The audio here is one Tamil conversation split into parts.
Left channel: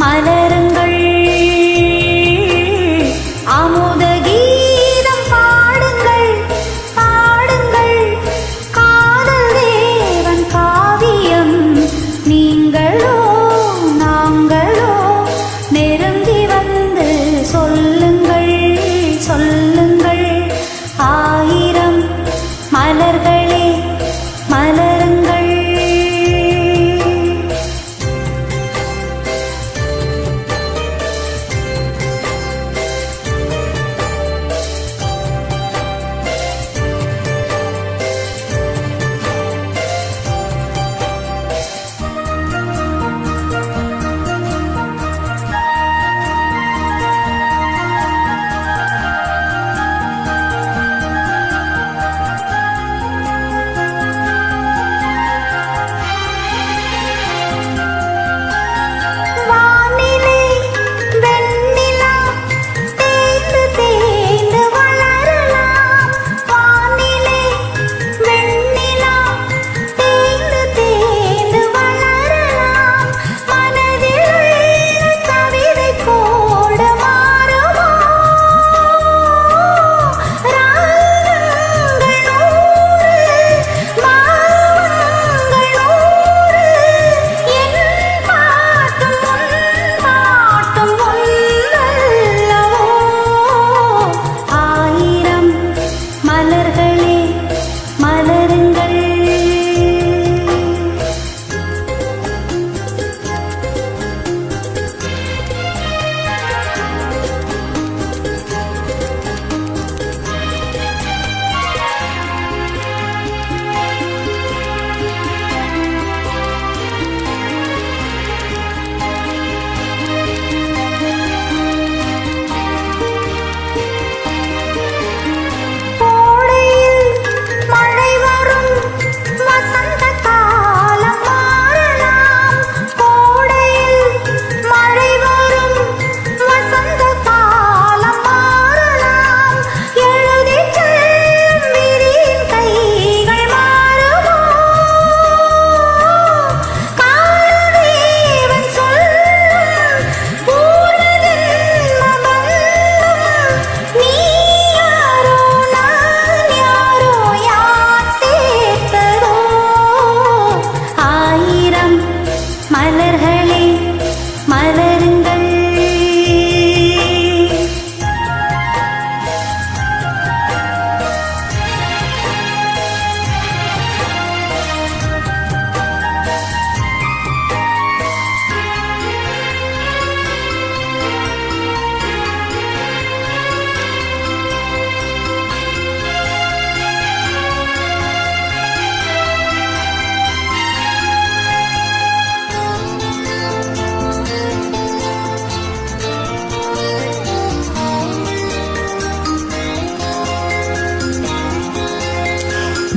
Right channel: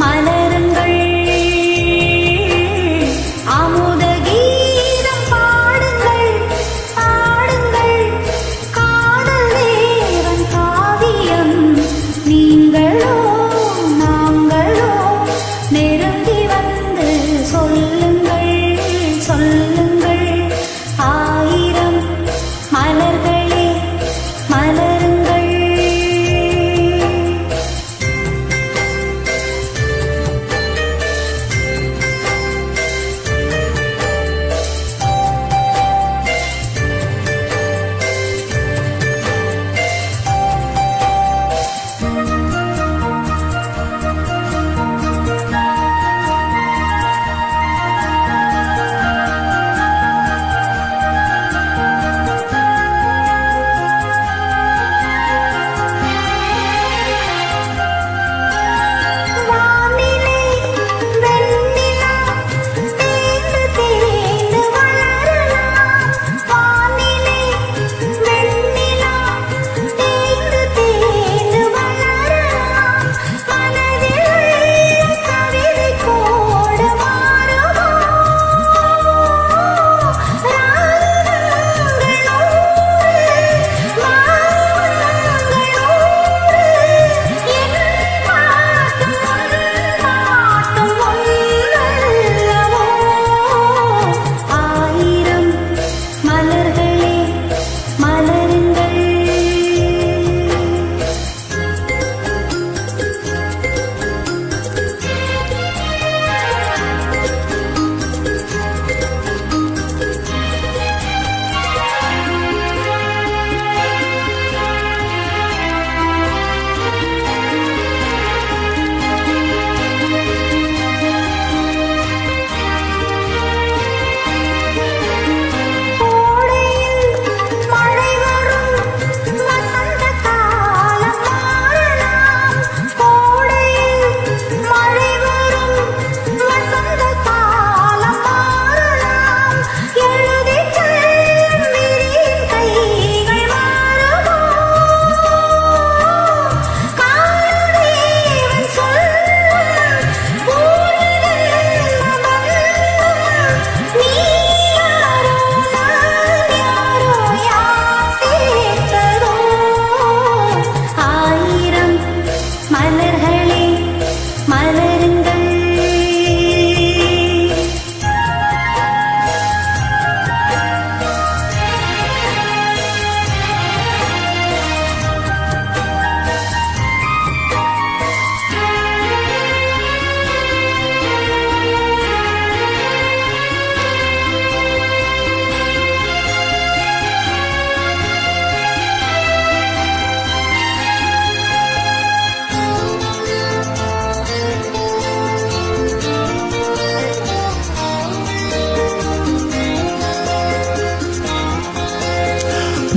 மலருங்கள் அமுத கீதம் பாடுங்கள் பாடுங்கள் காதல் தேவன் காவியம் நீங்களோ நாங்களோ நெருங்கி வந்து சொல்லுங்கள் சொல்லுங்கள் ஆயிரம் மலர்களே மலருங்கள். மலர்களே மலருங்கள்.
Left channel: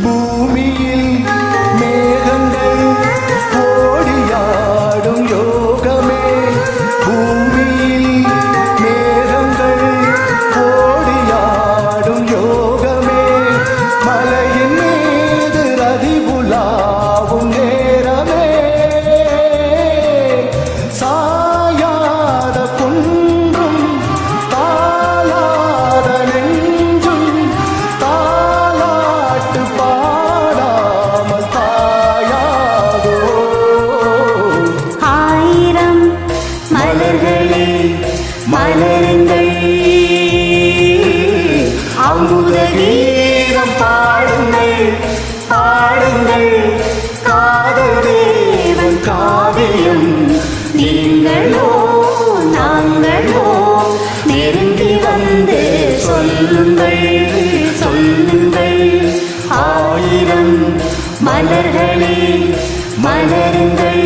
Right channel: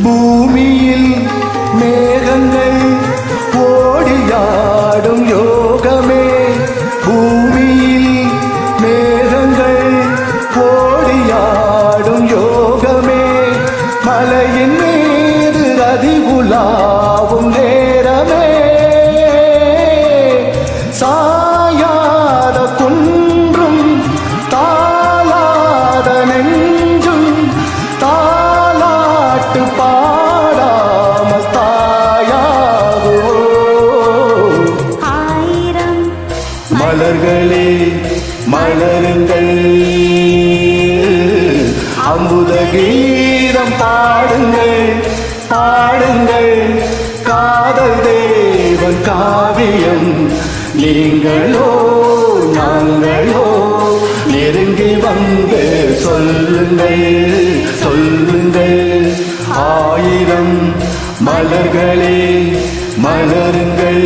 பூமியில் மேகங்கள் ஓடியாடும் யோகமே, பூமியில் மேகங்கள் ஓடியாடும் யோகமே, மலையின் மீது ரதி உலாவும் நேரமே, சாயாத குன்றும் தாளாத நெஞ்சும் தாலாட்டு பாடாமல் தாயாகோ. ஆயிரம் மலர்களே மலருங்கள், அமுத கீதம் பாடுங்கள் பாடுங்கள், காதல் தேவன் காவியம் நீங்களோ நாங்களோ நெருங்கி வந்து சொல்லுங்கள் சொல்லுங்கள். ஆயிரம் மலர்களே மலருங்கள்.